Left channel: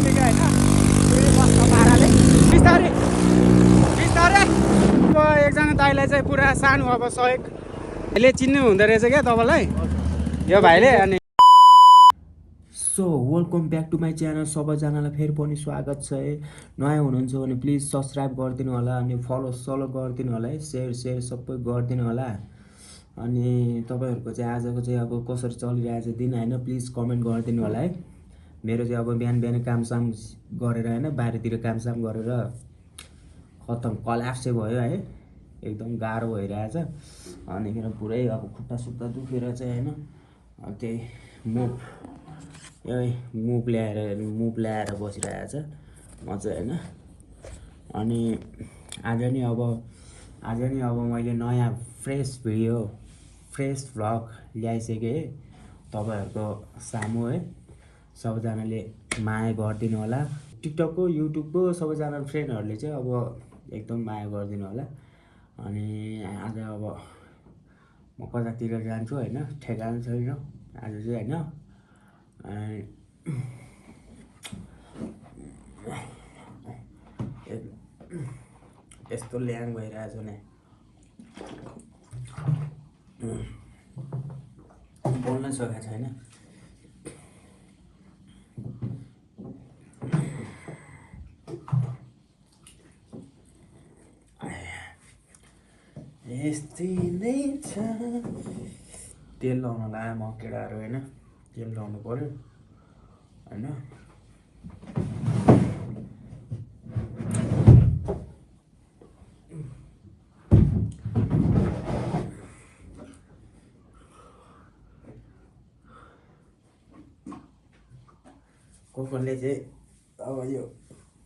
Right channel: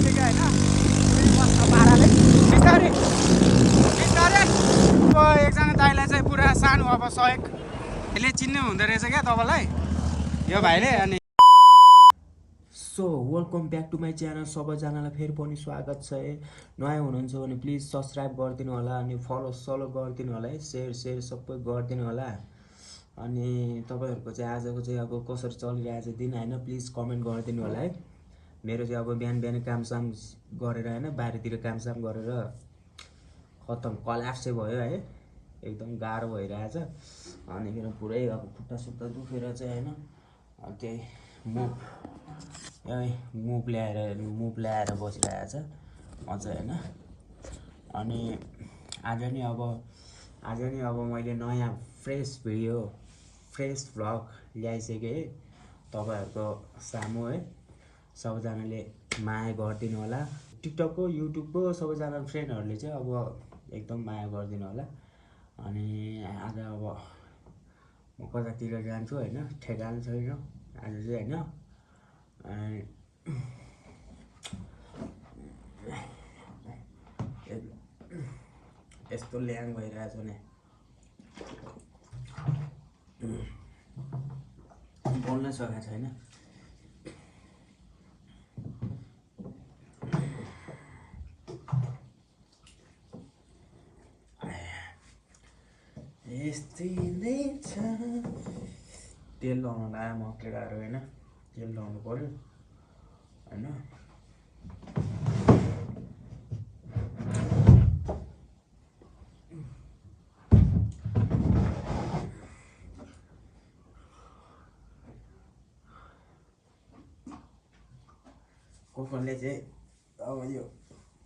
निस्केको होइन फेरि बस्छ पाराले बिस्तारै बिस्तारै। एकजना दाइलाई चाहिँ पुरा सानो अब सहयोग यसले चिन्नु हुँदो रहेछ क्या तपाईँलाई यो भाइले। अनि so welcome back to my channel. सबैजनालाई फेरि पनि स्वागत छ है। नयाँ हुनुहुन्छ भने प्लिज सब्सक्राइब गरिदिनु होला अनि फलो गरिदिनु होला है। सेयर सबै गरिदिनु होला। अनि तपाईँहरूको चाहिँ आजको चाहिँ अब कसरी चलिरहेछ दिन होइन प्लिज कमेन्ट गरिदिनु होला है। मेरो चाहिँ अब बिहान कामसाम गरेर होइन बारीतिर कामसाम गरेर खतम कल्याप्स चाहिँ भयो है। एकदम गाह्रो भइरहेछ। अनिखेर पुरै अब खुट्टा सुट्टा दुखेर चाहिँ होइन त्यही मुभ ल्याएर बसिरहेछ मजा होइन। अनि आज नि अब मैले नयाँ फ्रेस भिडियो फ्रेस भ्लग ल्याइसकेँ है तपाईँहरूको सामु है। सबैजनाले माया गरिदिनु होला। टिकटकको युट्युबको सबैजना फ्रेन्डहरूले चाहिँ अब एकदम माया गरिदिनु होला। अनि आज अब म कतातिर जान्छु होइन ठेगान छैन आज चाहिँ होइन। यस्तो ल्याङ भइरहेछ नि बोल्नै सकेको छैन। यस्तै नै छ। तेल लाउन लाग्यो म केटाहरू होइन तेल लाउनु पर्यो होइन। कसले चाहिँ अब यो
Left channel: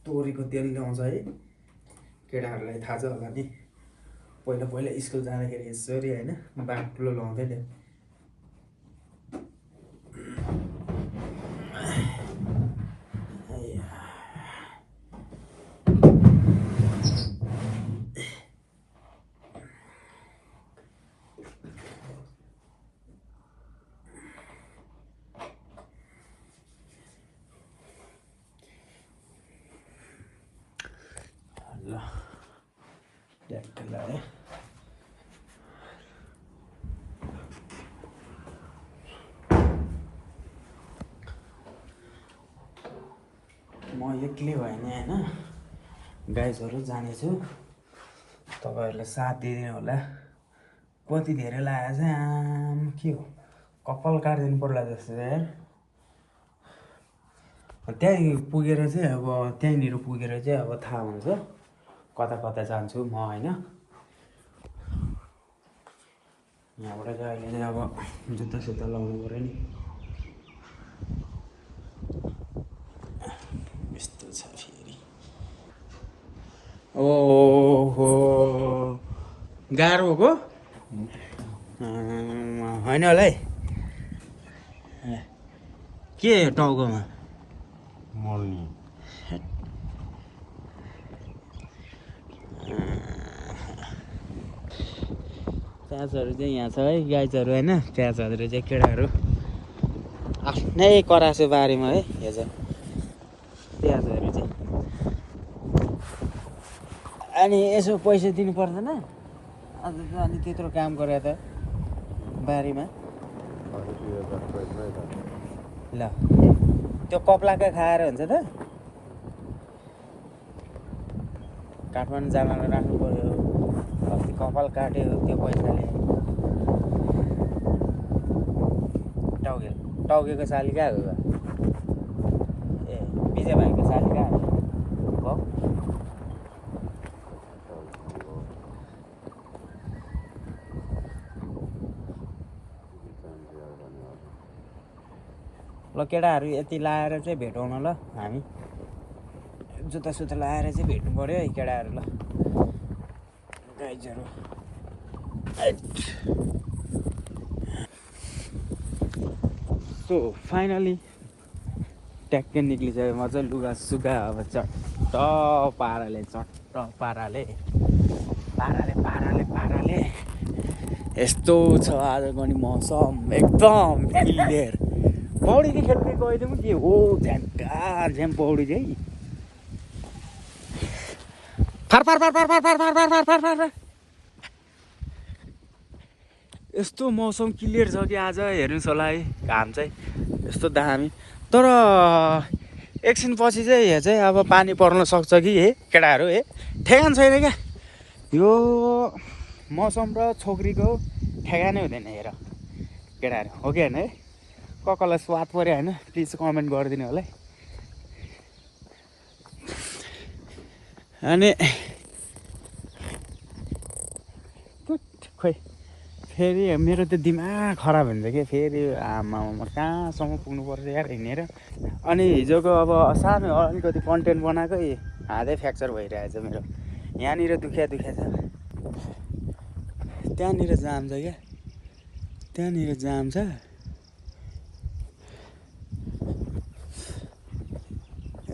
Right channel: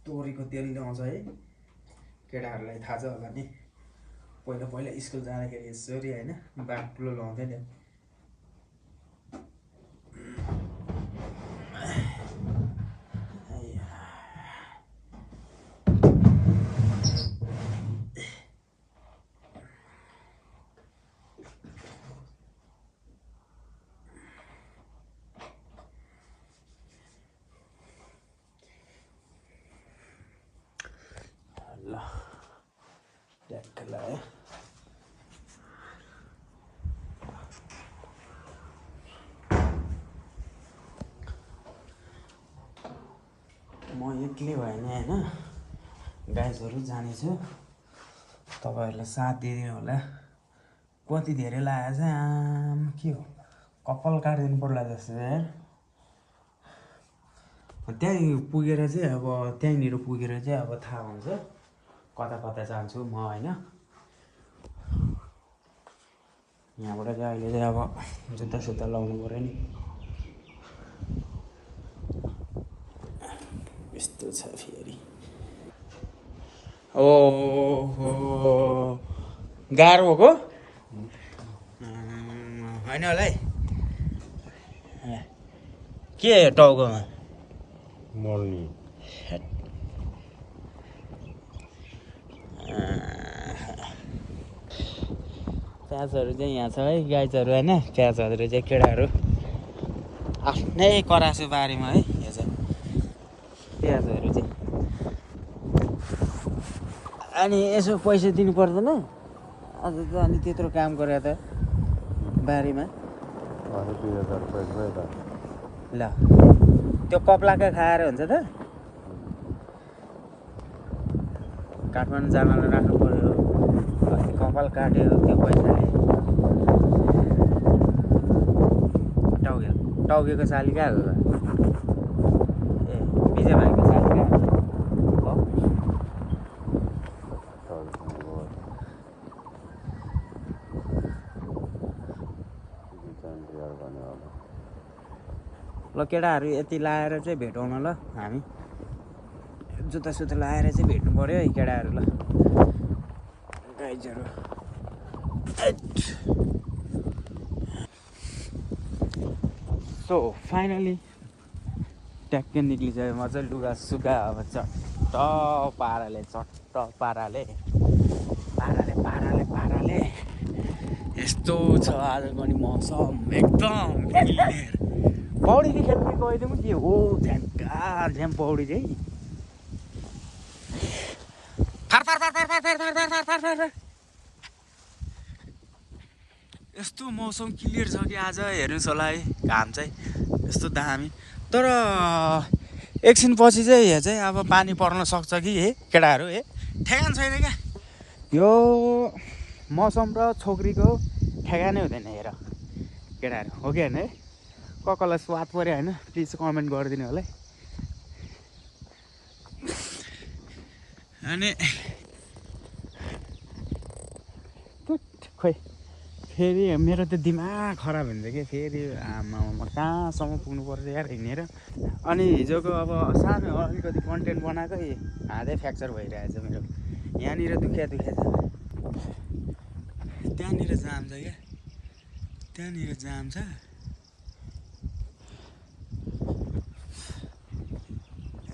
तोरीको तेल ल्याउँछ है केटाहरूलाई थाहा छ होला नि। पहिला स्कुल जाँदाखेरि यसरी होइन बाक्लो लाउँदै थियो। ल है म एक्लै भएन होइन गाइजहरू जानेछु। तपाईँहरूलाई साथ दिने होला। कति धेरै लागेको चाहिँ आम के हो कपाल काटिदिनु पर्ला जस्तो चाहिँ त्यहीँ पुगेर चाहिँ अब त्यहीँनिर पुगेर चाहिँ अब थाहा हुन्छ कता जान्छु म होइन। यहाँबाट चाहिँ अहिले चाहिँ अब जुत्ता लाउनु पऱ्यो नि। यस्तो छ फेरि ओहो गाह्रो भएको होइन होला है। के टाउकोमा मर्नी प्याजहरू चाहिँ यहाँ छ है गाइजहरू होइन। प्याजहरू चाहिँ केटाहरू आफ्नै करासो बारीमा है यो चाहिँ प्याजहरू चाहिँ। अनि यसो पैसा दिनु पर्दैन आज त। अनि त्यत्रो काम गरे त बारीमा ल त्यो कप्लाका खाएर हुन्छ त। काठमाडौँ जानलाई राख्नु पर्यो। अस्ति कपाल काट्यो त्यो पैसाले। टाउकेको साली कहाँ हो त? ए विजय भाइको साली कहाँ हो? ल केटाहरू यति लाएर चाहिँ भेटौँ न ल। हामी जुत्ता लाएर चाहिँ भेट्नु पर्यो है केटाहरू ल गाइजहरू। सो फाइनली ट्याक्कै निक्लिसक्यो। म चाहिँ लुगा सुगा अब चट्ट पाराले यस्तो छ आजको नि मौसम एकदम क्लियर पौडी चाहिँ खेल्ने कहिले पनि के हो झ्याङ्का झ्याम पौडी चाहिँ far far far far far far far far far far far यस्तो मौसम क्लियर छ कि आज हेर्नुहोस् होला है घाम चाहिँ यस्तो दामी तर एकछिनपछि चाहिँ यहाँ चाहिँ अब पानी पर्न सक्छ कि हे केटाहरू हे ठेगान छैन क्या यो मौसम र छोकरीको ठेगानै हुँदैन हेर केटाहरू हो कि होइन है कसलाई स्वाद पऱ्यो होइन प्लिज कमेन्ट गरिदिनु होला है अनि खोइ फेरि मेरो त दिमाग खराब हुन्छ कि फेरि आमामा कहाँसम्म पुग्नु पर्छ यार हिँडेर अनि हिजोको अब सानो अलिकति कन्टेन्ट बनाएकै हातै फ्र्याक्चर भइरहेछ मेरो यहाँनिर दुखिया छ त्यहाँनिर जाम छ क्या त्यहाँनिर जाम छ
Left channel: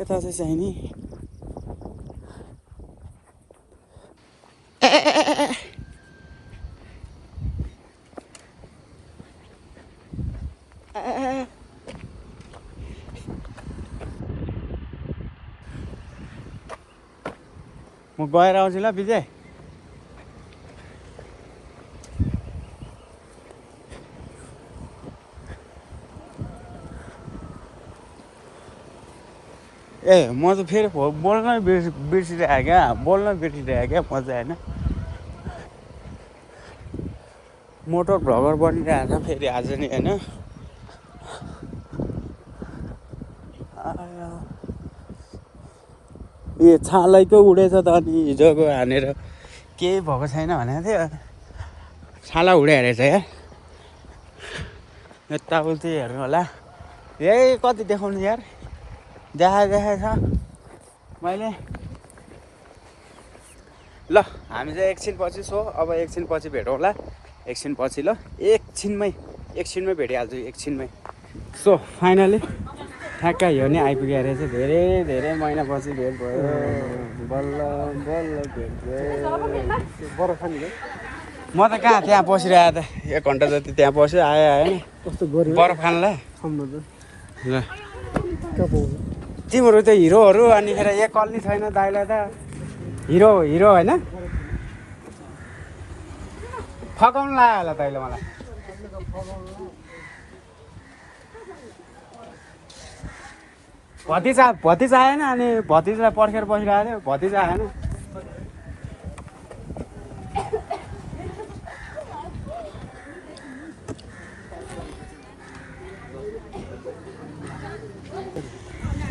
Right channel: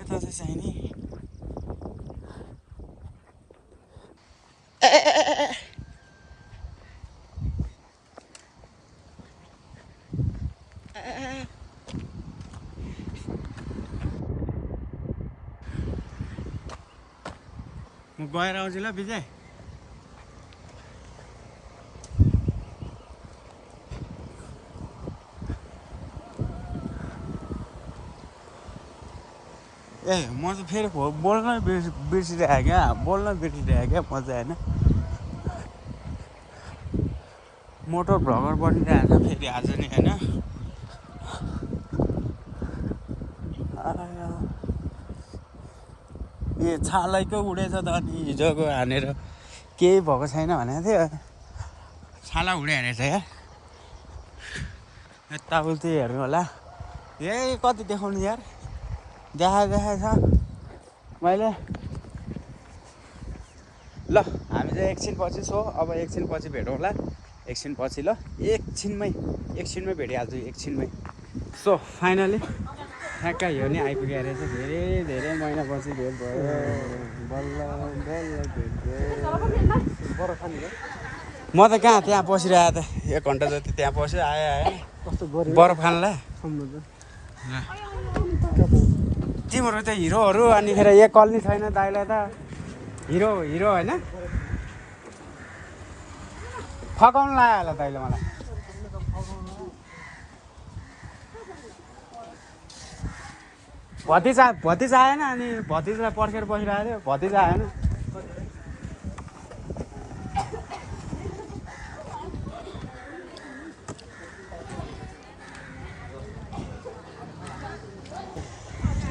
यता चाहिँ चाहिने म गएर आउँछु ल विजय ए म त फेरि बोल्नै बिर्सिरहेको क्या बोल्नै बिर्सिरहेको क्या म चाहिँ होइन मोटर भ्लगर बनिरहेको छ फेरि आज नि होइन यो छालैको उडेछ त अनि हिजोको हानेर केही भएको छैन भनेको थियो छाला उड्यो रहेछ यार यताउति हेर्नु होला यही कति देखाउनु यार देखाएको छ मैले ल हामी चाहिँ एकछिनपछि अब एकछिनपछि भेटौँ होला एकछिनपछि ल एकछिनमै भेटिहाल्छु एकछिनमै सो फाइनली ठ्याक्क यो नै आइपुगेको रहेछ धेरै धेरै महिनापछि भेट भयो बल्ल बल्ल भेट भयो म त कहाँ त्यहाँ बसिरहेको त 1 घन्टा जति त्यहाँ बस्यो आएन बरफ खानलाई ल तिमीहरू त हिरोहरू अनिखेर एक कल नि छैन दाइलाई त हिरो होइन फकाउनु लाग्यो होला तैँले मलाई भतिजा आएन अनि भतिजालाई पर्खेर बसिरहेको थियो भतिजा आएन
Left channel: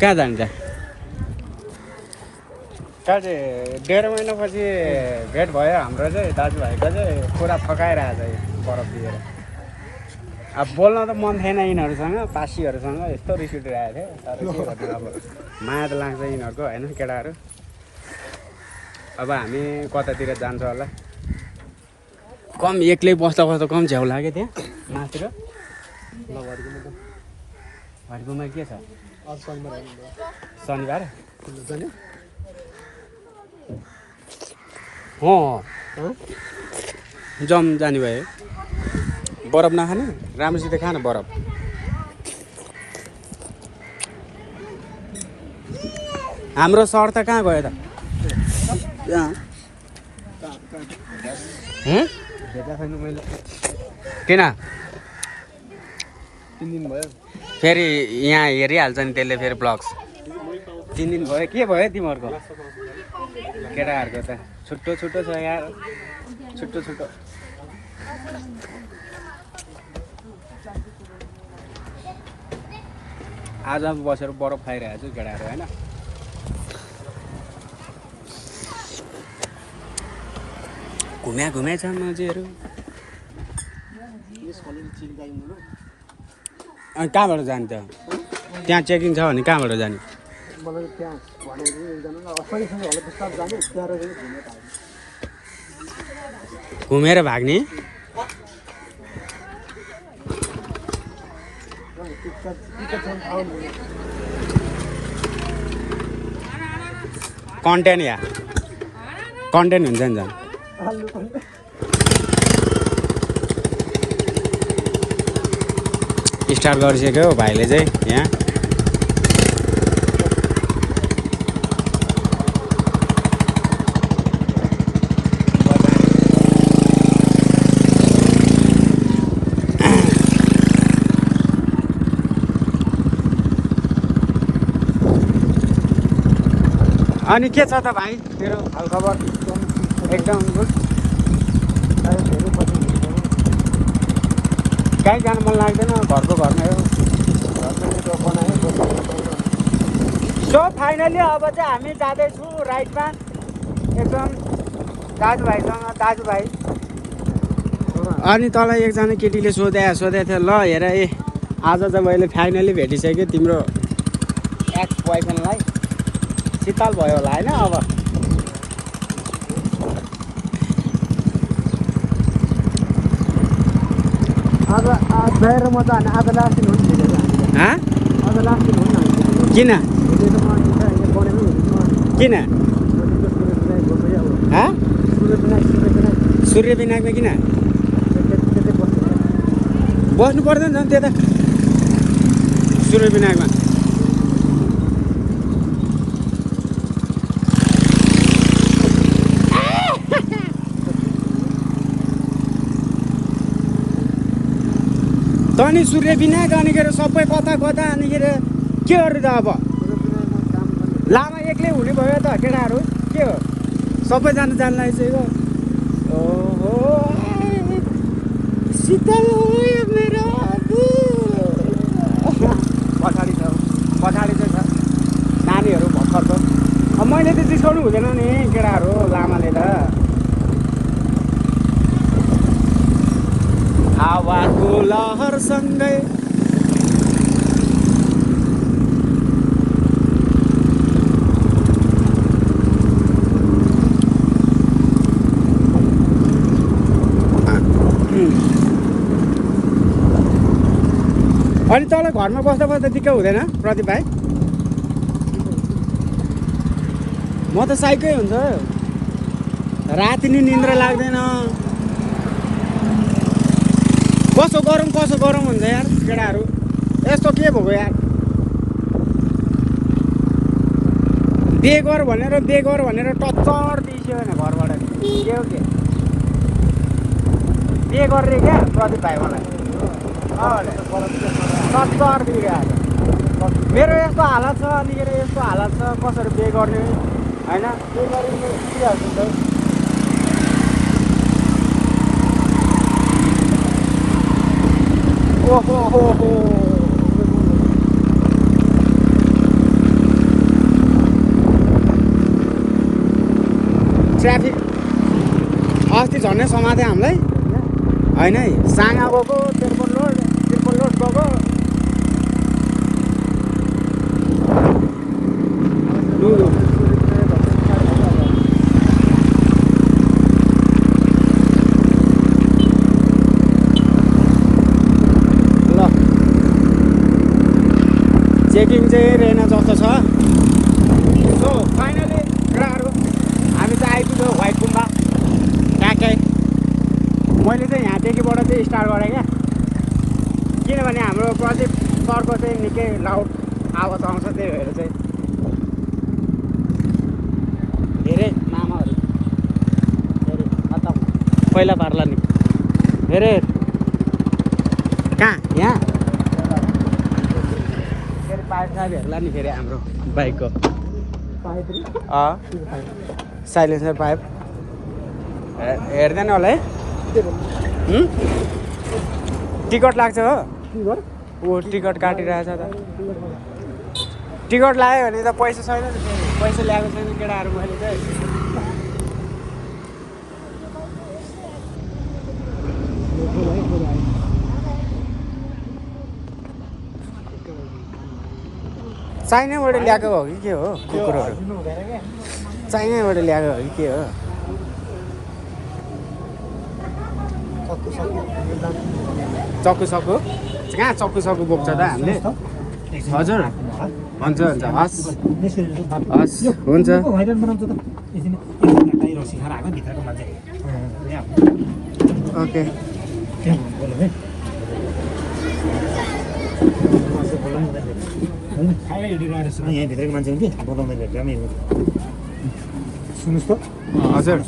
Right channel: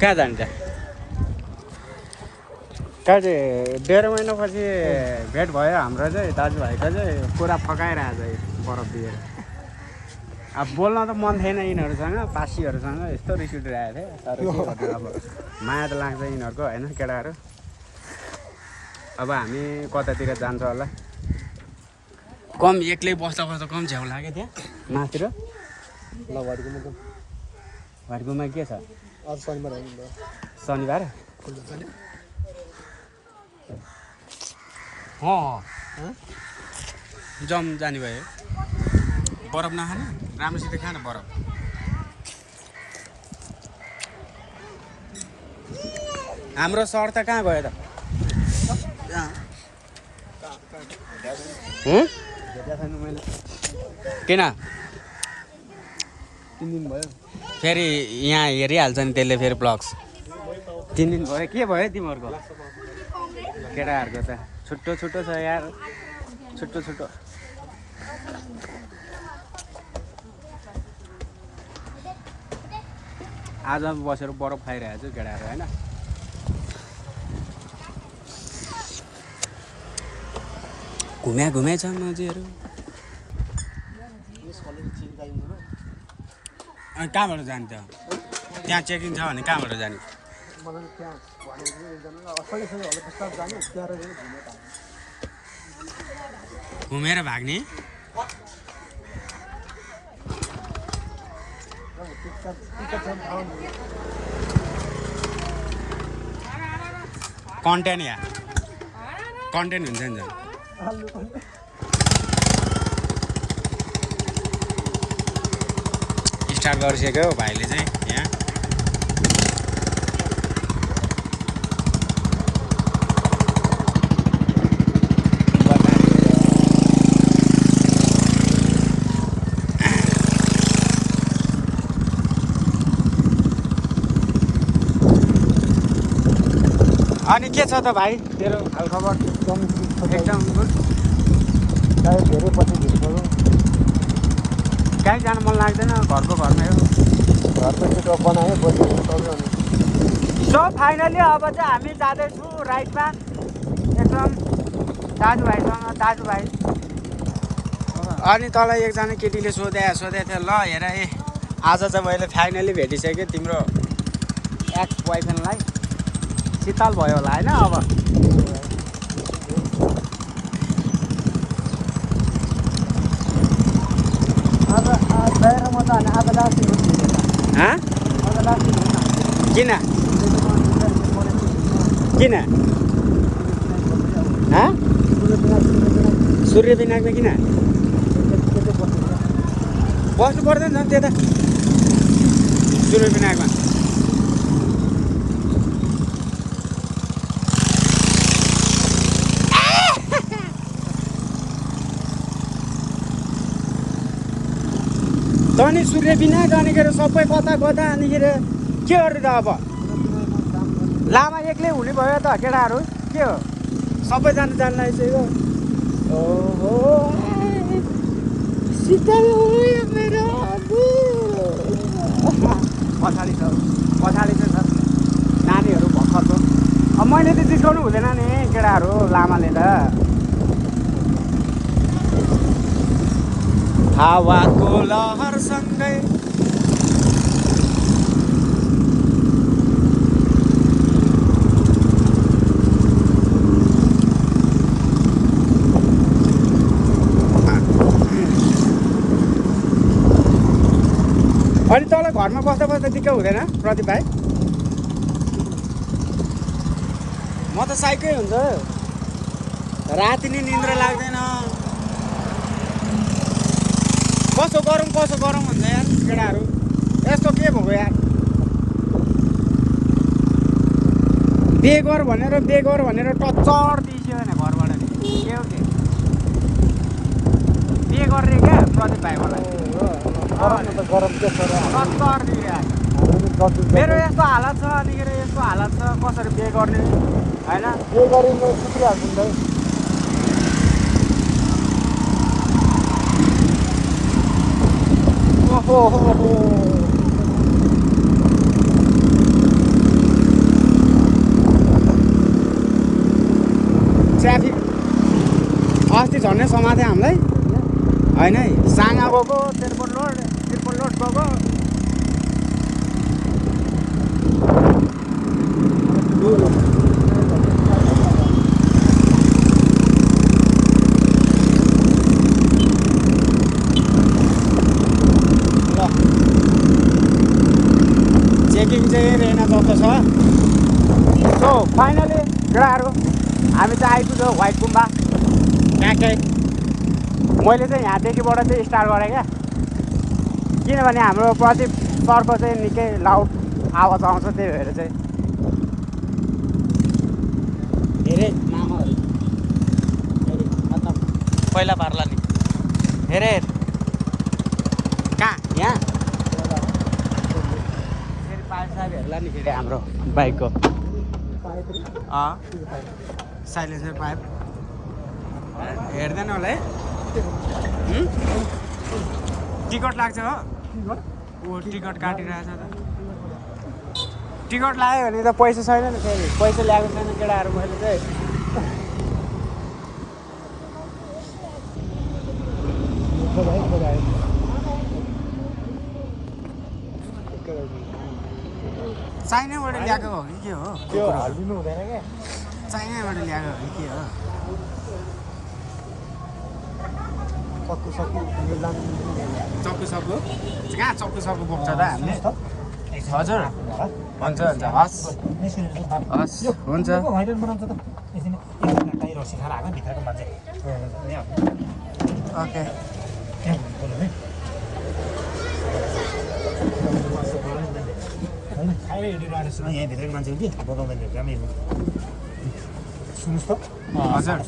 कहाँ जान्छ कहाँ चाहिँ 1.5 महिनापछि भेट भयो हाम्रो चाहिँ दाजुभाइको चाहिँ पुरा फकाइरहेको छ बरफ दिएर अब बोल्न त मन थिएन यिनीहरूसँग पासीहरूसँग यस्तो रिस उठिरहेको थियो तर के गर्नु अब माया त लाग्छ यिनीहरूको होइन केटाहरू अब हामी कतातिर जान्छ होला कम एक्लै बस्दा कम झ्याउ लाग्यो त्यहाँ माथितिर घरकोमा के छ शनिबार जम जाने भयो बरफ नखाने राम्रोसित खान बरफ हाम्रो सर त कहाँ गयो त मैले किन 3 दिन भयो फेरि यहाँ हेरिहाल्छ नि त्यसले फेरि ब्लग्स 3 दिन भयो के भयो तिमीहरूको केटाहरूको त छुट्टो छ यार छुट्टो आज बसेर बरफ खाइरहेको छु केटाहरू होइन घुम्या छ मान्छेहरू अनि कहाँबाट जाने त त्यहाँ चेकिङ छ भने कहाँबाट जाने घुमेर भाग्ने कन्टेन्ट या कन्टेन्ट हुन्छ नि झन् स्टार्ट गरिसक्यो भाइले चाहिँ यहाँ। अनि के छ त भाइ तेरो हालखबर? एकदम गुड। कहीँ जानु मन लाग्दैन, घरको घरमै हो। सो फाइनली अब चाहिँ हामी जाँदैछु राइडमा एकदम दाजुभाइ। अनि तँलाई एकजना केटीले सोधेको थियो ल हेर आज चाहिँ मैले फाइनली भेटिसकेँ तिम्रो एक्स बोयफ्रेन्डलाई। शीतल भयो होला होइन अब? किन सूर्य बिनाको किन बस्नु पर्दैन त्यता सूर्य बिनाकमा? अनि सूर्य बिनाक अनिखेर सबै कता अनिखेर के गर्नु त अब? लामा एक्लै हुने भयो त केटाहरू, के हो सबैजना जान लागिसक्यो। पछाडि चाहिँ छ नानीहरू भर्खर त। अब मैले त जिस्काउनु हुँदैन नि केटाहरू, लामाले त। हावाको लहरसँगै घरमा बस्दा दिक्क हुँदैन प्रदीप भाइ? म त साइकै हुन्छ, राति नि निन्द्रा लाग्दैन। कसो गरम हुन्छ यार केटाहरू, यस्तो के भएको यार? बेगर भनेर टच्चर दिइसक्यो भने घरबाट के हो के बे गर्ने क्या प्रदीप भाइ मलाई टच्चर दिइरहेको छ। मेरो यस्तो हालत छ अनिखेर यस्तो हालत छ, कसरी बे गर्ने होइन? बे गरिनु सुत्रिहाल्छु नि त। ओहो ट्राफिक अस्ति झन्डै समाते हामीलाई होइन है। साना गएको त्रिपुल लोड गएको। चेकिङ चाहिँ रेना जस्तो छ। सो फाइनली केटाहरू हामी चाहिँ आइपुग्यो व्हाइट गुम्बा। मैले चाहिँ यहाँदेखिबाट चाहिँ स्टार्ट गरेँ क्या, किनभने हाम्रो प्रदीप सरको चाहिँ निकै लाउड आवाज आउँछ, त्यही भएर चाहिँ। पहिला पार्ला नि हेरे कहाँ यहाँ फेरि पाइप साइप हेर्ला नि फेरि हाम्रो बाइकको साइलेन्सर पाइप हेर्दैन होला है। टिकट लाग्छ हो? ऊ टिकट काटिरहेछ त। टिकट लाग्यो भने त पैसा छैन नि, फेरि पैसा ल्याएको छैन केटाहरू मैले चाहिँ। चाइनाबाट ल्याएको हो कि के हो कुकुरहरू? चाइनाबाट ल्याएको हो कि के हो? चक्कु कहाँ चक्कु बोक्छ त हामीले? हजुर हुन्छ हस् हुन्छ। ओके यहीँ भित्रको मान्छे हुन्थ्यो बोलाउँदै भेट्रामै हो सुन्नुहोस् त हजुर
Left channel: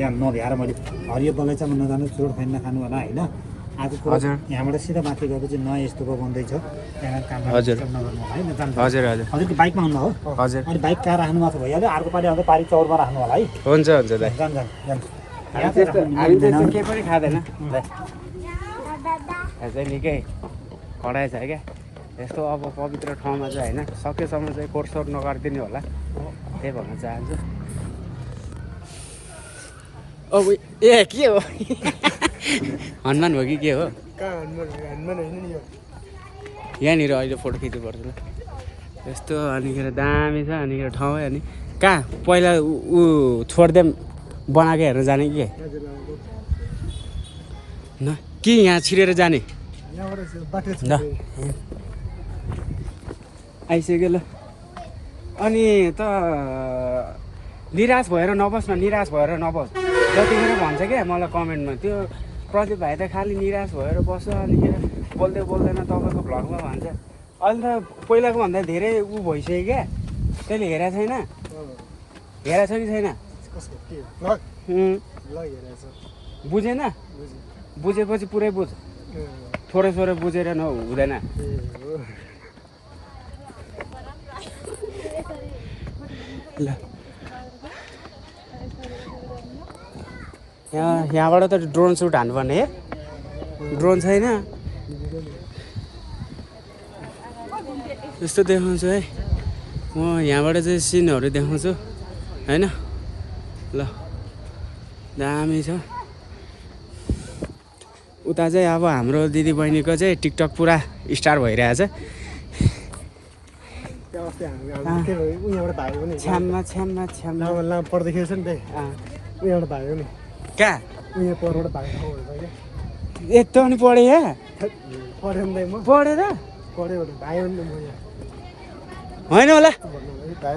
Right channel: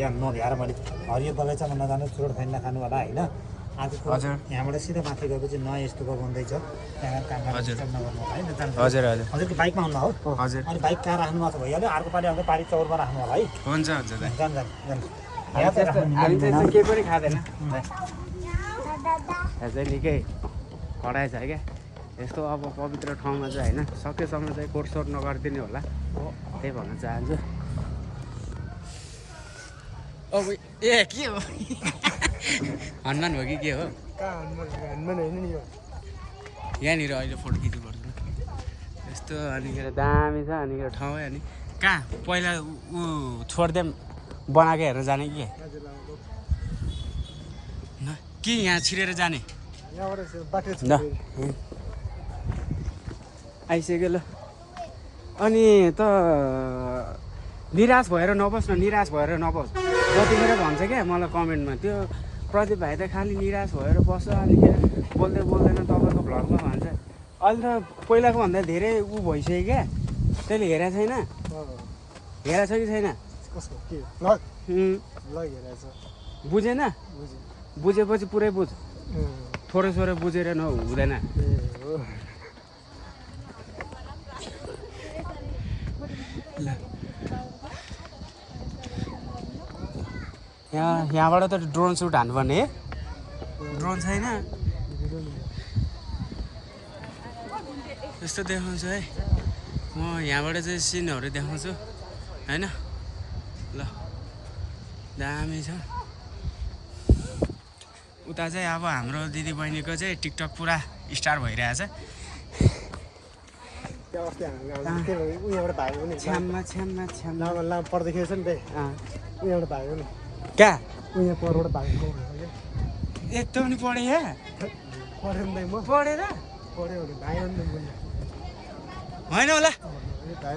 यहाँ नभ्याएर मैले हरियो बगैँचामा नजानु चोट खाइन नखानु होला होइन आज यहाँबाट सिधा माथि गएको चाहिँ नयाँ यस्तोको बन्दैछ हजुर हजुर हजुर हजुरको बाइकमा हुनु हो हजुर अहिले बाइक कहाँ राख्नुमा छ भइहाल्यो अर्को पालि आउँदा पारी चौरमा राख्नु होला है हुन्छ हुन्छ दाइ हामी त्यस्तो केही पनि खाँदैन दाइ यहाँ चाहिँ निकै कडाइ छ क्या यस्तो अब पवित्र ठाउँमा चाहिँ होइन सकेसम्म चाहिँ कोर्सोर नगरिदिने होला त्यही भन्न चाहन्छु अब ए के हो हनुमान हो कि के हो यहाँनिर अहिले फोटो खिच्नु पर्छ ल यस्तो अनिखेर दामी छ अनिखेर ठाउँ है अनि कहाँ पहिला ऊ छोडिदिएम बनाएको हेरेर जाने कि न कि यहाँ छिरेर जाने ल आइसक्यो ल अनि त निराश भएर नबस् न निराश भएर नबस् जतिखेर भन्छ क्या मलाई कमेन्टमा त्यो प्रदीप भाइ त खालि निराश भएर बस्छ अनिखेर बोल्दै बोल्दैन तपाईँको भ्लगमा भन्छ अहिले त पहिलाको भन्दा धेरै ऊ भइसक्यो क्या तैँले हेरेको छैन हेरेको छ कि छैन बुझेन बुझेपछि पुरै बुझ थोरै थोरै बुझेर हुँदैन ल यहाँबाट त ड्रोन सुट हान्नुपर्ने है ड्रोन छैन यस्तो देखाउँछु है म यहाँबाट चाहिँ सिनहरू देखाउँछु होइन ल दामी छ उता चाहिँ अब हाम्रो दिदीबहिनीको चाहिँ टिकटक पुरा स्टार भइरहेछ छ्याममा छ्याममा छ्याममा पर्दाखेरि छ नि उयोबाट भाग्यो नि कहाँ उयो परबाट भाग्यो यस्तो पनि पढेँ या पढ्यो नि म पढेर पढ्यो भने भाइ नि होइन होला भाइ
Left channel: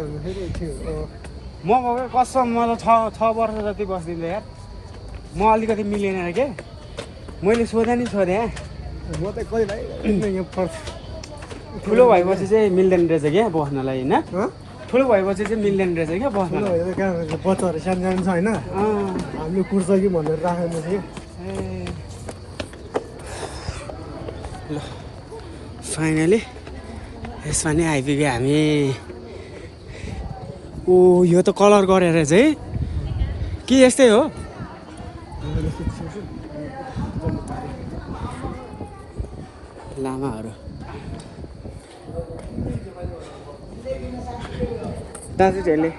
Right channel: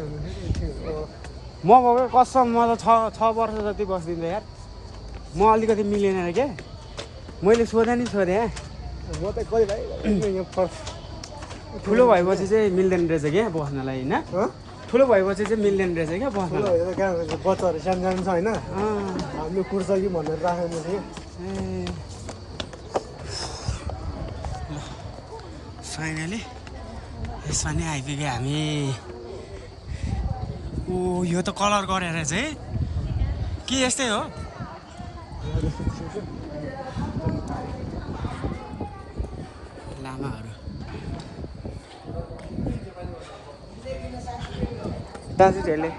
म भएको कसम म त 6 वर्ष जति बस्दिनँ यार म अलिकति मिलेन के मैले सोधेँ नि सोधेँ ठुलो भएपछि चाहिँ मिल्दैन रहेछ क्या बस्नलाई होइन ठुलो भएपछि चाहिँ मिल्दैन रहेछ क्या बस्नलाई ल फाइनली यसमा नि आइपुग्यो हामी ओ यो त कलर गरेर चाहिँ के यस्तै हो लामाहरू दाजुहरूले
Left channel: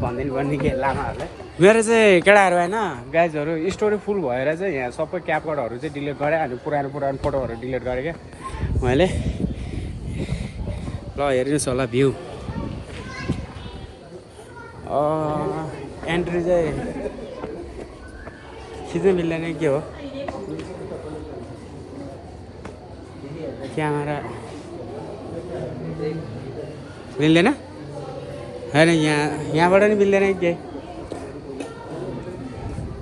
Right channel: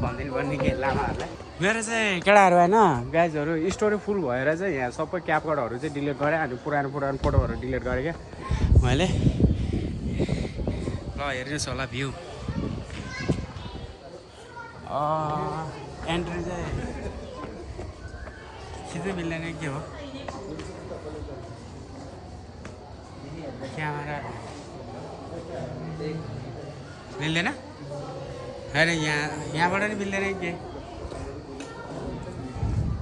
भनिदिनु पर्ने के लामाहरूलाई मेरो चाहिँ केटाहरू होइन गाइजहरू स्टोरी फुल भएर चाहिँ यहाँ सबै क्यापकटहरू चाहिँ डिलिट गरेँ अनि पुरानो फोटोहरू डिलिट गरेँ क्या मैले ल हेर्नुहोस् होला भ्यू एन्ट्री चाहिँ खिच्नु मिल्दैन के हो क्यामेरा मिल्दैन होइन यहाँबाट नि मिल्दैन के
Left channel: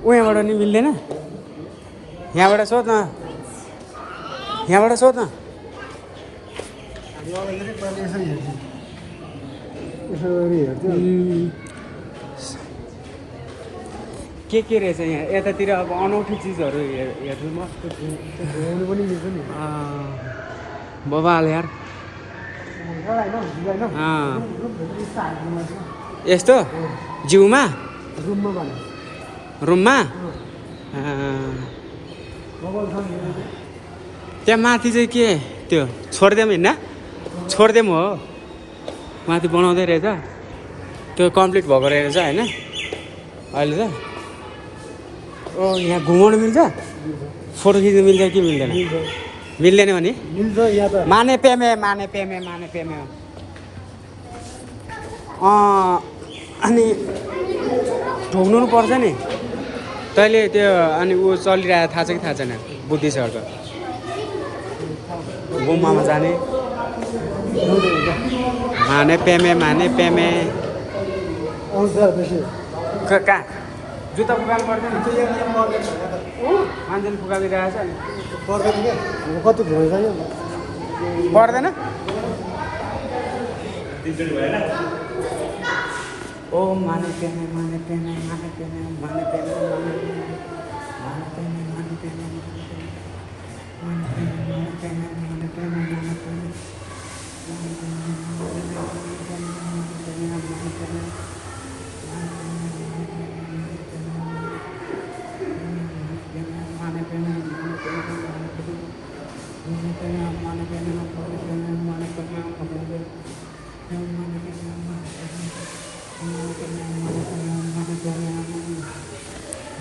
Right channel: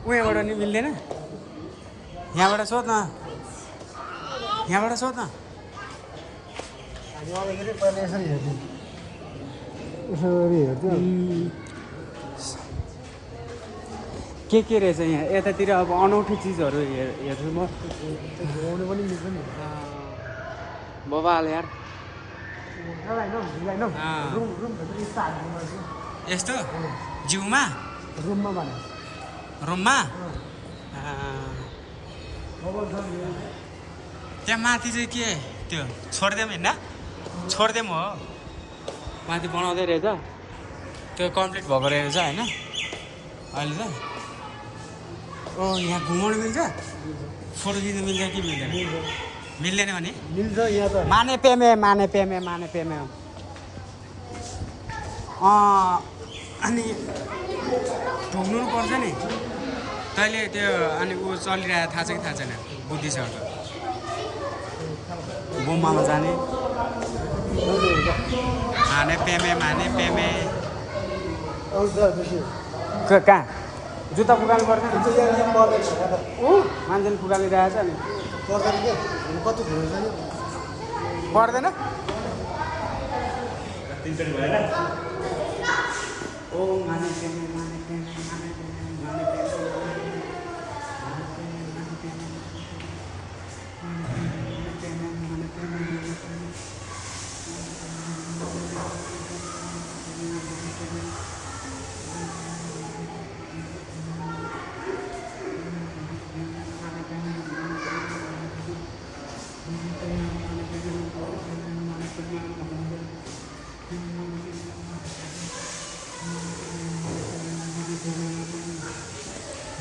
यहाँबाट नि मिल्दैन यहाँबाट सोध न के रहेछ यहाँ यतातिर अब अनौठो चिजहरू हेर्छु म बबाल यार यस्तो जिउमा रुममा त्यहाँ माथि चाहिँ के त्यो छोडिदिउँ होइन छोडिदिउँ हो माथि बनाउँदै रहेछ त्यो कम्प्लिट भएको रहेछ होइन अहिले त ओ यहाँ घुमाउनु मिल्छ फोटो खिच्नु मिल्छ कि मिल्दैन मिल्दैन भने माने पेमे अनि ढुक्नु पर्छ नि तैँले त्यो अनि ऊ चलिरहेको थाहा छ कि थाहा छैन बुद्धिस्टहरूको गुम्बामा जाने माने पेमे कहाँ जुत्ता फुकाल्नु पर्छ नि ऊ मान्छेले फुकालिरहेको छ नि कति भयो पर्दैन ओ माने पेने माने पेने माने पेने माने पेने माने पेने माने पेने माने पेने माने पेने माने पेने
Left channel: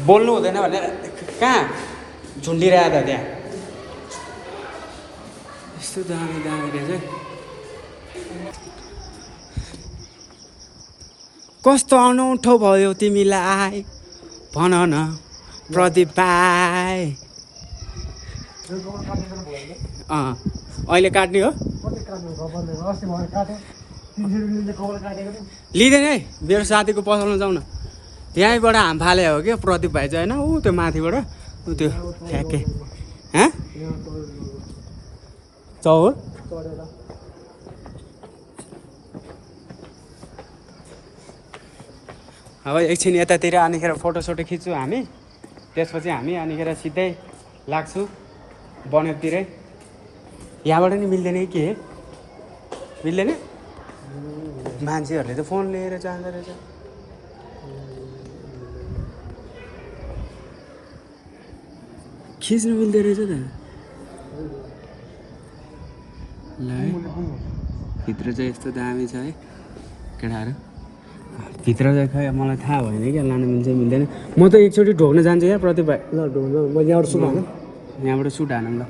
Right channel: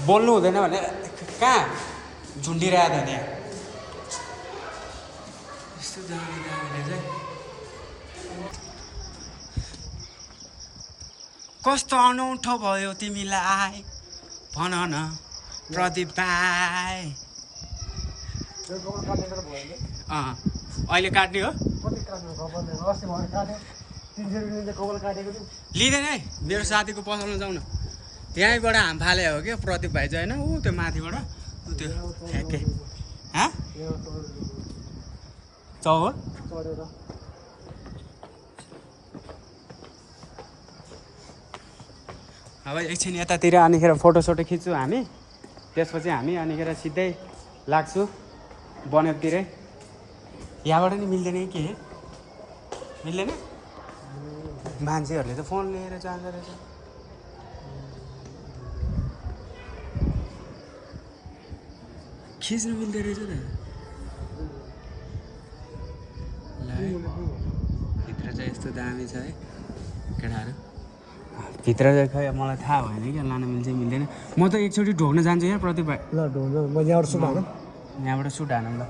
बोल्नु हुँदैन भने कहाँ झुन्डिरहेको त त्यहाँ यस्तो दामी दामी रहेछ कस्तो अनौठो भयो तिमीलाई भन न प्रदीप भाइ अहिले काट्ने हो लिँदैन है मेरो साथीको पसलमा जाउँ न त्यहीँबाट हाम फाले हो क्या प्रदीप भाइ चाहिँ होइन ऊ त्यो माथिबाट ऊ त्यो ठ्याक्कै चौर अब एकछिन यतातिर अनिखेर फोटोसोटो खिच्छु हामी त्यसपछि हामी अनिखेर सिधै लाग्छु बनेपतिरै यहाँबाट नि मिल्दैन कि के मिल्दैन मान्छेहरूले त फोन लिएर जाँदो रहेछ खिच्नु मिल्दो रहेछ त ल है भित्र चाहिँ यस्तो दामी छ है केटाहरू भित्र चाहिँ खोइ मलाई थाहा भएन क्या लानु मिल्छ मिल्दैन म त एकचोटि ढोक्न जान्छु यहाँ प्रदीप भाइ ल ढोक्नु म यहाँबाट सुट हानु यहाँबाट सुट हानौँ ल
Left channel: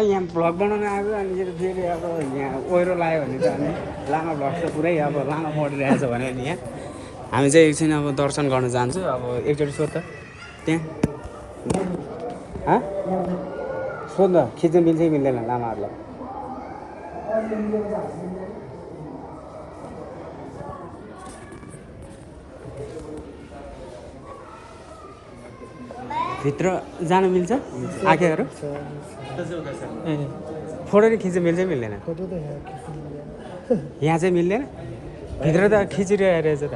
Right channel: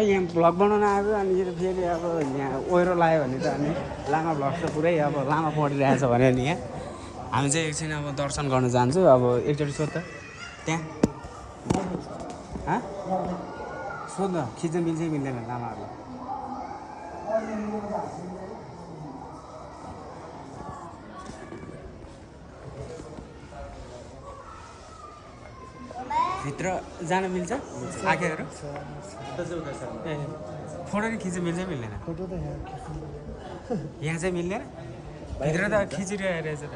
यहाँ भ्लग बनाउन आयो अनि फेरि अब यहाँ ओहिरो लाग्यो भने त अनि लामा भ्लग त पुरै अब लामा परिरहेछ भने नि यहाँ हामी चाहिँ एकछिन अब दर्शन गर्न जान्छौँ अब एकचोटि सोध त त्यहाँ सोध न खिच्न मिल्छ मिल्दैन लामाहरूलाई भित्र जान मिल्छ आँखाहरू फोटो नि खिच्न मिल्छ मिल्दैन यहाँ चाहिँ मिल्दैन भित्र त खिचिरहेको रहेछ त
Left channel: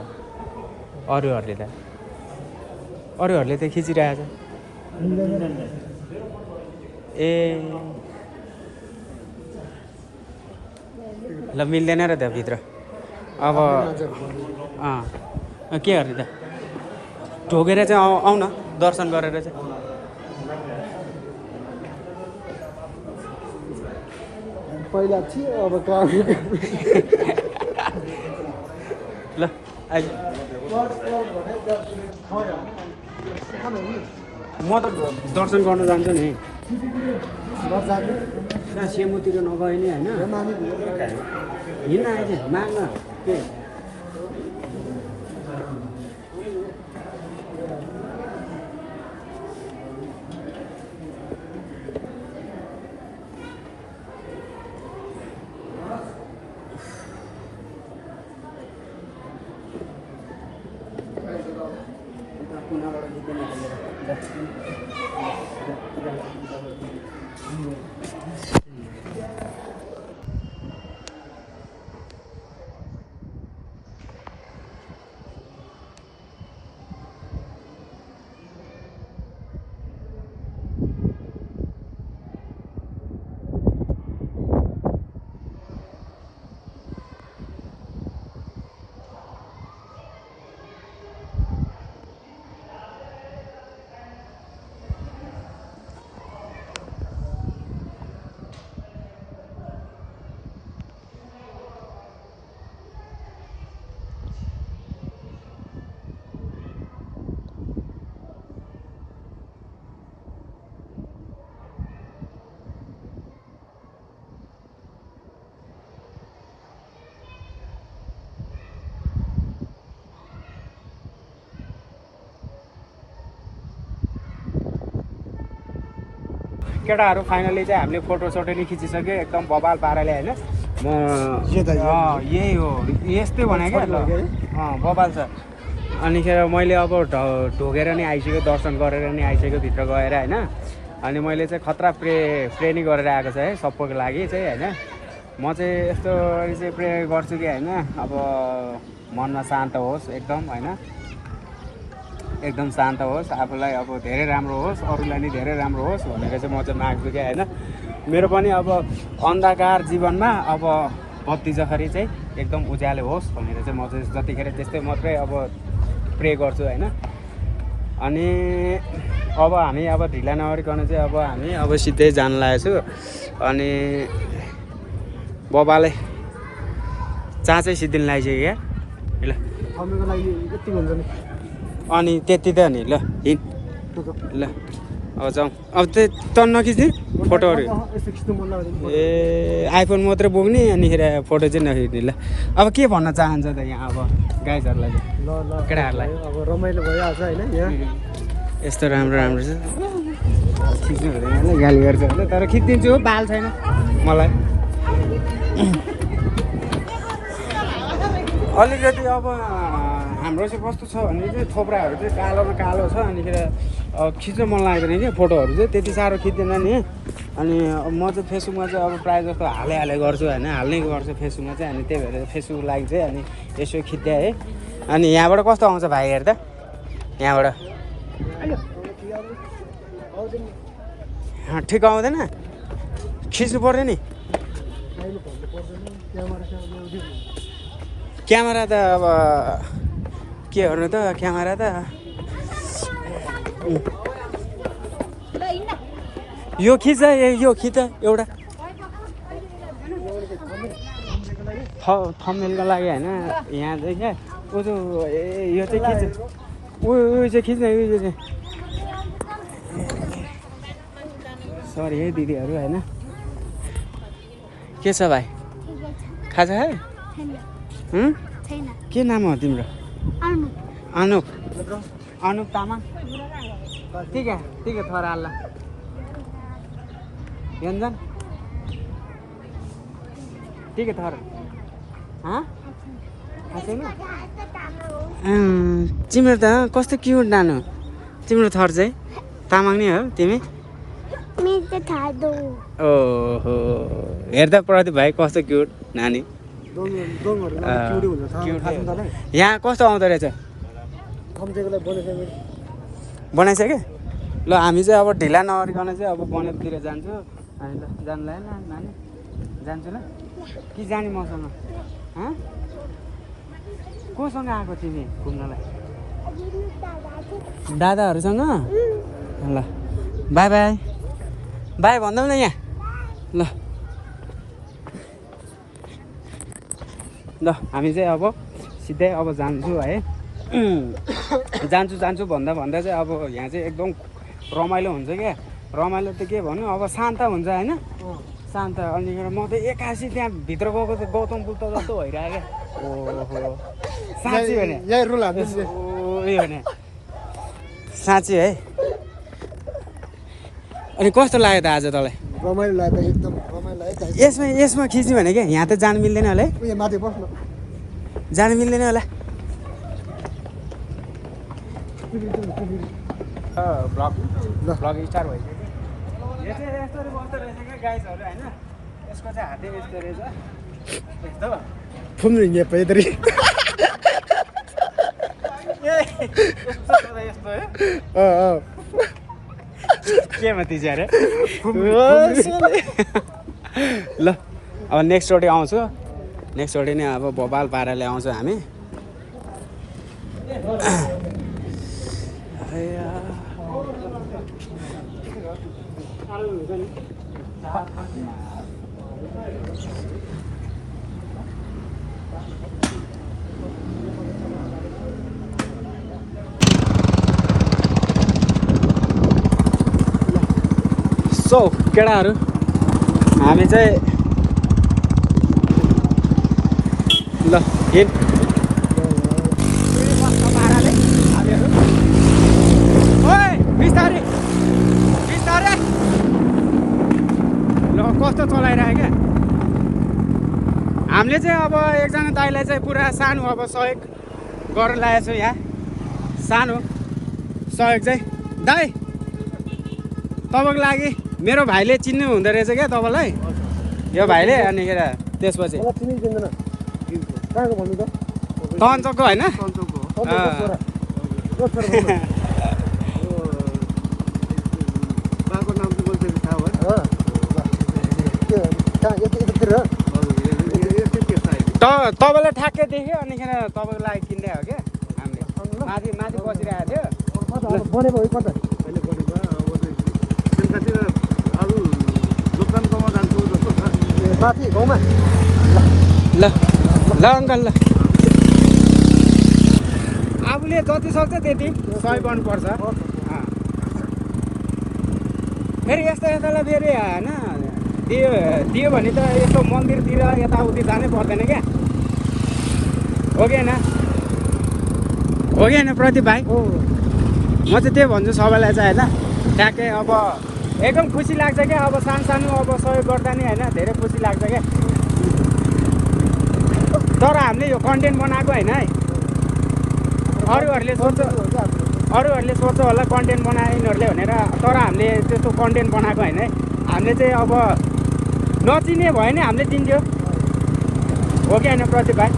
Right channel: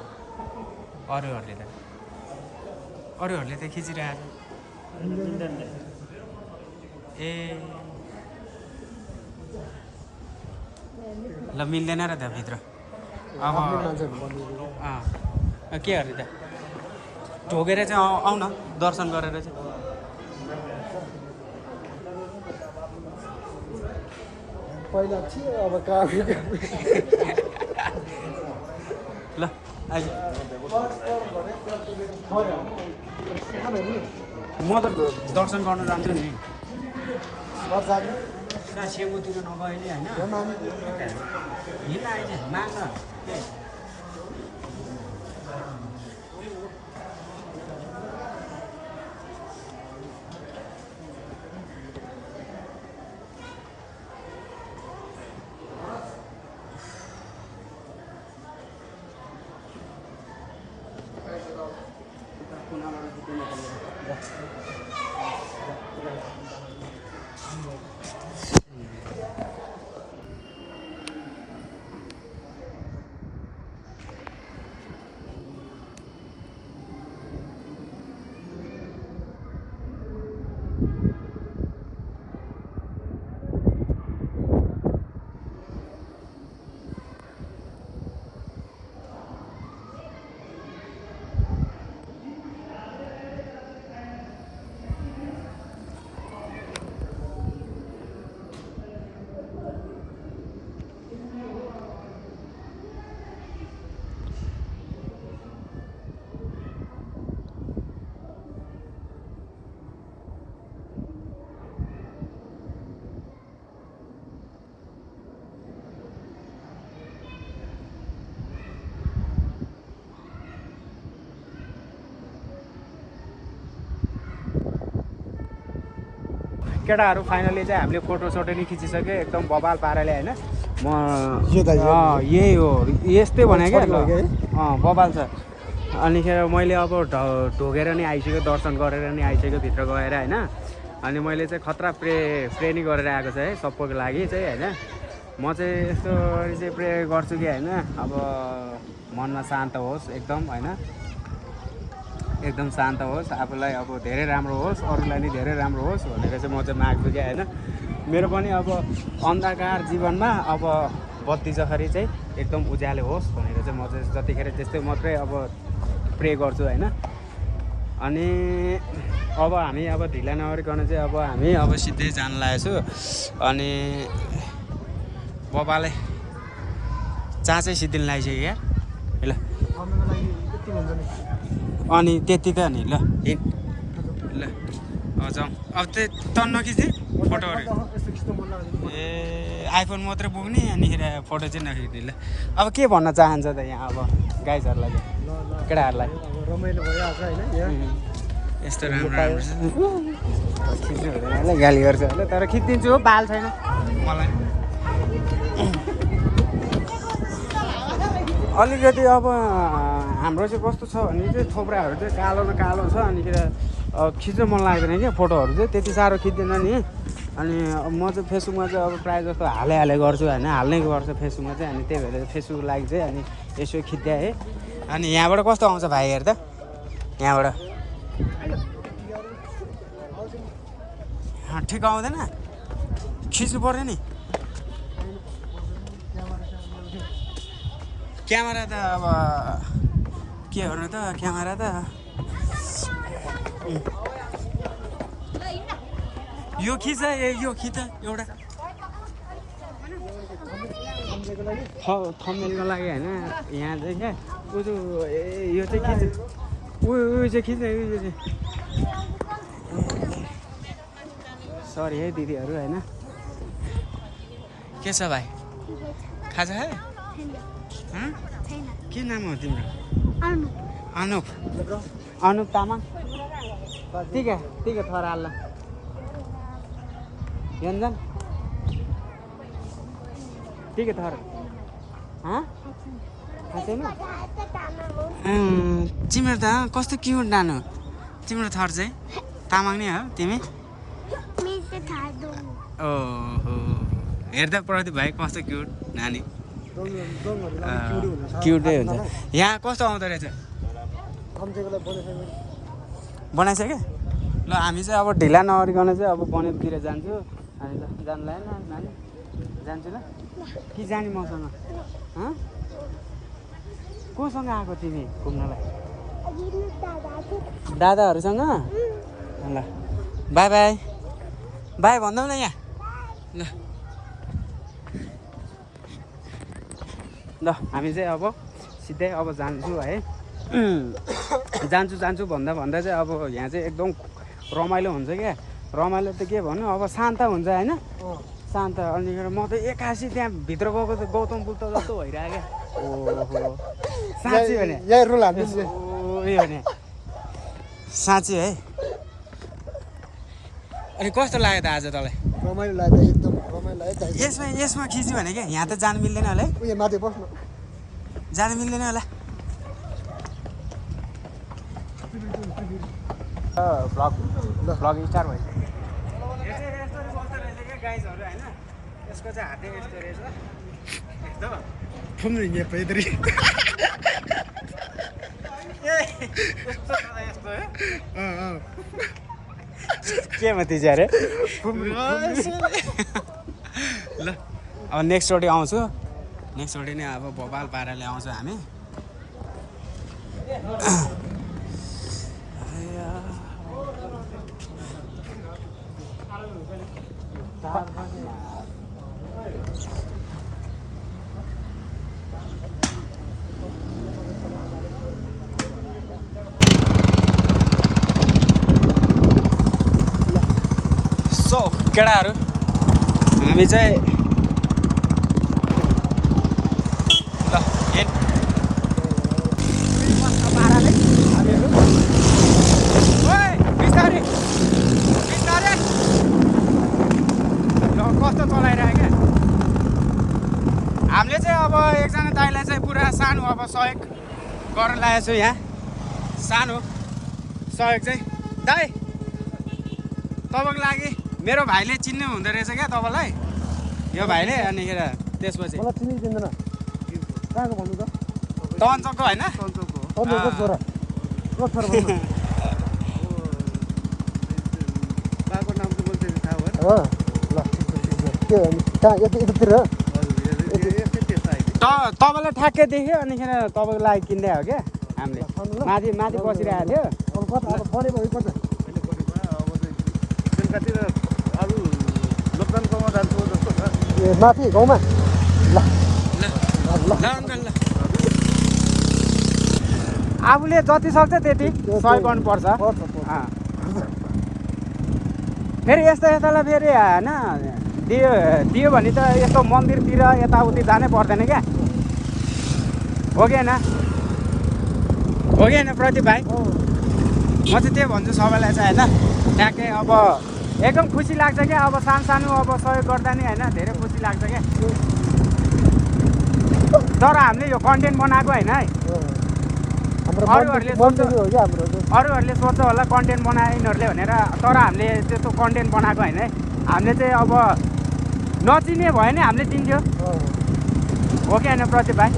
अरूहरूले त खिचिरहेछ ए ल मिल्दैन र त भित्र अब के गर्ने त ढोकेर चाहिँ आऊ न दर्शन गरेर चाहिँ पहिला अब ल अहिले म त दर्शन गर्न जान्छु नि सेमुतिर नगए नि होइन हिँड्न आएछ माग्न के केटाहरू फाइनली चाहिँ हामीले फोटोसोटो नि खिचिसक्यो एकदम बबाल पाराले होइन म यही हो यस्तै भने क्या बबाल छ अनिखेर मैले अब ढोगेर नि आइसक्यो दर्शन गरेर नि आइसक्यो भित्र गएर होइन अनि मैले चाहिँ खतरा प्रे नि गरेर आएको छ है सबैको लागि चाहिँ होइन। म चाहिँ यस्तो चाहिँ प्रे गर्छु कि होइन अब मनमा शान्त होस् एकदम होइन, एकदम शान्त होस्, आफूलाई अब धेरै राम्रो होस्, अरूलाई नि धेरै राम्रो होस् भनेर चाहिँ म चाहिँ माग्छु क्या होइन। मेरो पनि अब अन्धकार जीवनमा अब बत्ती जखरी चाहिँ एकदम उज्यालो होस् भनेर चाहिँ म चाहिँ जतिखेर त्यस्तै मात्रै अब प्रे गर्छु होइन। अनि अब हामी अब ढिला नगरिकन चाहिँ अब हामी अब सिधै जान लागेको छु। अनि बाबाले चाँ चाहिँ सिद्धिन लगाइसक्यो क्या ल। आउनुको लागि यति हुन्छ नि। अनि त्यति त नि ल हिँड ल अब जाउँ। अब त्यही त नखिच्ने फोटोहरू यस्तो खिच्नु मन लाग्यो। ए आइफोन मात्रै बोक्ने अनिखेर फोटो चाहिँ नखिच्ने ल। अब के भन्न चाहन्छ त यहाँ अब गाइजहरूलाई चाहिँ ल ल केटाहरूलाई? अब रमाइलो भइहाल्छ होइन यहाँ। यस्तो राम्रो राम्रो छ खिच्नु भने गाली गर्छ होला, तर खिचिदिन्छु हो, बाल छैन मलाई। अलिकति अब हाम्रो चाहिँ कस्तो छ भने चाहिँ थोप्राहरू चाहिँ कालो न कालो छ, अनिखेर खिच्न मन लाग्दैन क्या फोटोहरू चाहिँ त्यति साह्रो खिच्दैन नि। अनि म चाहिँ फेसबुकमा चाहिँ अब प्रायः जस्तो हाले गर्छु होइन, हाल्नै गर्छ फेसबुकमा चाहिँ। अनि त्यही भएर फेसबुक लागि चाहिँ अनि यसो खिच्दै है। अनि यहाँबाट कस्तो आउँछ भाइ हेर त यहाँबाट? ठिक आउँदैन, खिच्नु पर्यो नि। क्यामेरा त अब के गर्नु त, क्यामेरा त यो खिच यो खिच एउटा थम्बनेलको लागि होइन। यहाँ चाहिँ क्या ऊ यो चाहिँ खिच, उयो चाहिँ खिच्न उयो चाहिँ। सरी है दिदीहरू होइन। के छ भाइ, खाजा है? के नाम हो तिम्रो? अनुप। अनुप तामाङ। ठिक है थोड़ा अल्लाह व्यञ्जन ठिक है थोड़ा छैन। तिम्रो त कस्तो क्युट नानु, तिम्रो थर चाहिँ तामाङ नै हो तिमी? ओहो हेर्दा प्रदीप भाइ कस्तो क्युट नानी, क्युटै हुन्छ। यहाँ कस्तो आउँदो रहेछ बनाइसक्यो? ल हामी चाहिँ अब ढिला नगरिकन चाहिँ अब बनेपतिर जान्छु। अनि ल जानु लाग्यो न नानी? जान्छु ल कि जाने मसँग? कोसँग आएको तिमी घुम्नलाई? दादाहरूसँग? ल बाई बाई बाई भन्दौ न यहाँ ल। ल हामी चाहिँ अब सिधै अब जान्छु है। जान्छु भन्दा चाहिँ अब यहाँ चाहिँ एकदम रमाइलो हुन्छ क्या। रमाइलो त के भन्नु, अब शान्त हुन्छ होइन, शान्त। अनिखेर म त एक्कासी त्यहाँ भित्र गएको त गौतम बुद्ध जस्तो भइरहेको क्या। ओहो साँच्ची भने उयो भने साँच्ची है। अनि कस्तो लाग्यो त आज तँलाई? रमाइलो लाग्यो एकदम। यसमा खिच्ने भने क्या यहाँ त जानु मिल्दैन होला है? जानु मिल्दैन होला। ब्लग स्टार भइसक्यो। यो चाहिँ यस्तो बस्दो रहेछ क्या गाइजहरू होइन। यसको चाहिँ हातै यस्तो रहेछ यस्तो फुम्रिङ पैदरी यस्तो यस्तो है केमा तिज अरे ल। अब नेक्स्ट रोडे आउँछु, नेक्स्ट रोडे नै अब बबाल पाराले आउँछु हामी। सो केटाहरू हामी चाहिँ ल हिँड पाराले बिस्तारै बिस्तारै ल कस्तो चलाइरहेको क्या। हामीले चाहिँ अब एकजना दाइलाई चाहिँ पुरा सानो अब सहयोग गर्न लागेको छु यहाँ। सानो सहयोग चाहिँ दाइ तपाईँको लागि मेरो भाइले चिन्नु हुँदो रहेछ क्या तपाईँलाई यो भाइले अनिखेर त्यसपछि मलाई चिनि चिन्दैन कहाँको भन्नु त कञ्चकको होइन सन्चोकको हो अँ। छोरा को छोरा भन्नु बाको नाम चाहिँ बोल्छ थाहा भयो हो ल के भन्नु कहाँ यतितिर हो तपाईँलाई ठ्याक्कै देख्यो अनिखेर तपाईँको लागि किन्दै हो क्या हामीले माथि माथि बसिरहेको थियो कता बनेको हो कता बेलुकातिर अरू लोकडाउनकोमा जान्छु जस्तो छ ए माथि गाउँमा ल ल अङ्कल ल आफूले जति सक्छ त्यति सहयोग गर्नुपर्छ अँ। फेरि यस्तो यतालाई फेरि होइन दियो दियो भने त यस्तो मन्दिरतिर यताउति जानै पर्दैन क्या हो कि होइन हो कि होइन प्रदीप भाइ म चाहिँ त्यही भन्छु सबैलाई चाहिँ होइन ट्याक्कै अब एकदम खुसी लाग्छ क्या अब सानो सानो अब सहयोग गर्दा नि होइन धेरै खुसी लाग्छ क्या तर हामीले यो कन्टेन्ट बनाएको होइन है अरूहरूले सोच्छ होला कन्टेन्ट बनाए यिनीहरूले भनेर तर हामीले त्यस्तो कन्टेन्ट बनाएको होइन है हामीले चाहिँ अब नचिने भयो नि हामीले दिन्थ्यो हो कि होइन प्रदीप भाइ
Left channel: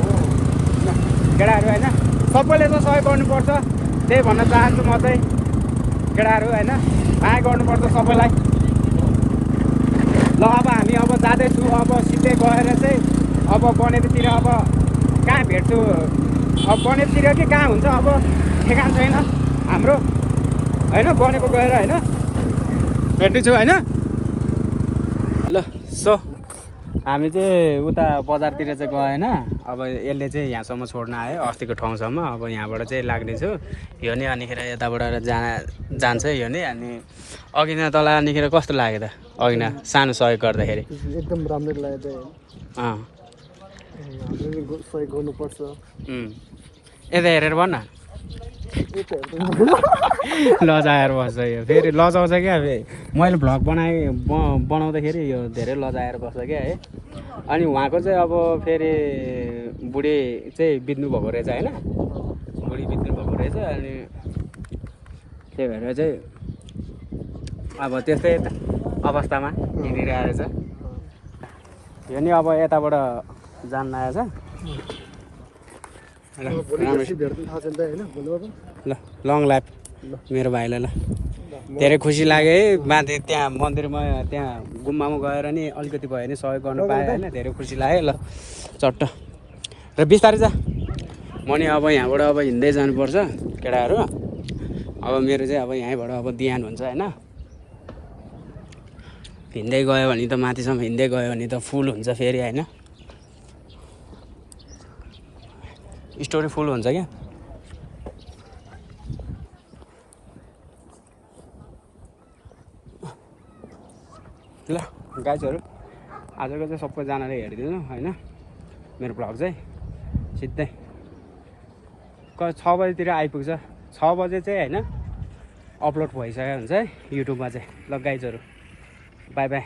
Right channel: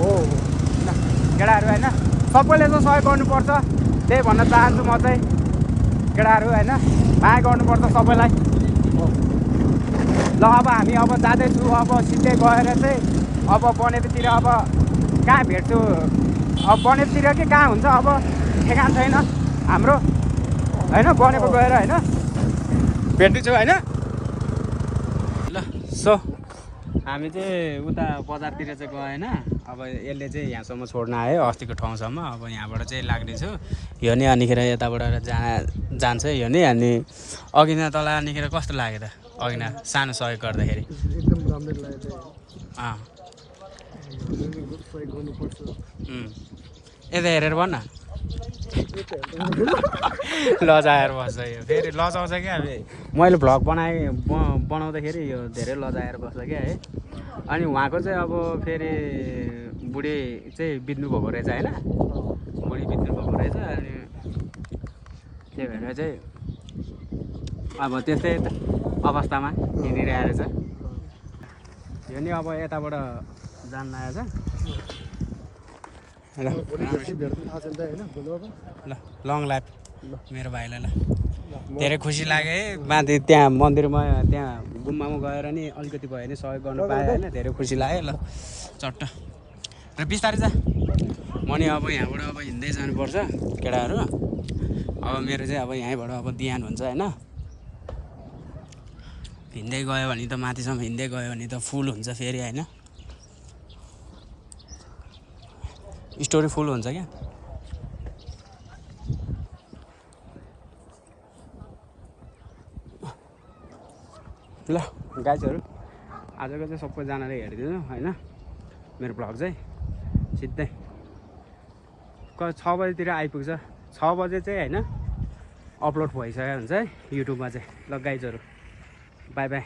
केटाहरू होइन सबैले चाहिँ सहयोग गर्नुपर्छ त्यही भन्न चाहन्छु म चाहिँ केटाहरू होइन माया गर्नुपर्छ सबैलाई ल अब हामी अब जाँदैछु अब सिधै गएर चाहिँ अब बनेपीतिर अब कहाँ भेट्छु अब बनेपीतिर कि कहाँ हुन्छ अब ठेगान छैन हाम्रो होइन बनेको गएर होइन भेट्नेछु होइन ल सो हामी चाहिँ उता बजारतिर चाहिँ गएन अब यसले चाहिँ यहाँसम्म छोड्न आयो अस्तिको ठाउँसम्म अब यहाँबाट चाहिँ लाग्नेछु यो नि अनिखेर यताबाट जान्छ यो नि अनि अघि न तल अनिखेर कस्तो लाग्यो त अघि न सानो सहयोग गर्दाखेरि एकदम राम्रो लाग्यो अँ सहयोग गर्नुपर्छ यता हेरेर भन न लजाएर बस्छ यो फेरि लजाउँछ क्या मैले भ्लग बनाउँदाखेरि यो धेरै लजाएर बस्छ क्या है अनि उहाँको चाहिँ अब फेरि बुढी चाहिँ बित्नु भएको रहेछ होइन बुढी बित्नु भएको रहेछ अनि त्यही भएर चाहिँ अब त्यस्तै अवस्थामा हिँडिरहेको छ यो नि अब यताबाट जान लागेको छ ल ल लङ लाइफ मेरो भाइलाई ल धेरै खुसी लाग्यो है माथि त्यहाँ मन्दिरमा त्यहाँ गुम्बामा गएर नि अलिकति भयो भने सहयोग गर्नु पाएँ होइन धेरै खुसी लाग्यो ल चट्ट र बिस्तारै जा म नि अब यहाँबाट अब हिँड्दै जानुपर्छ केटाहरू अब मेरो चाहिँ अब यहीँबाट अब बिहान हुन्छ होइन हिँड्दै गयो भने त माथिसम्म हिँड्दै गयो भने त फुल हुन्छ फेरि होइन स्टोरी फुल हुन्छ क्या ल गाइजहरू आजको चाहिँ सबैजनाले हेरिदिनु होइन मेरो भ्लग चाहिँ सिधै 6 बजीतिर आइपुग्छ 6 बजे चाहिँ होइन अपलोड भइसक्यो हुन्छ है युट्युबमा चाहिँ ल गाइजहरू बाई बाई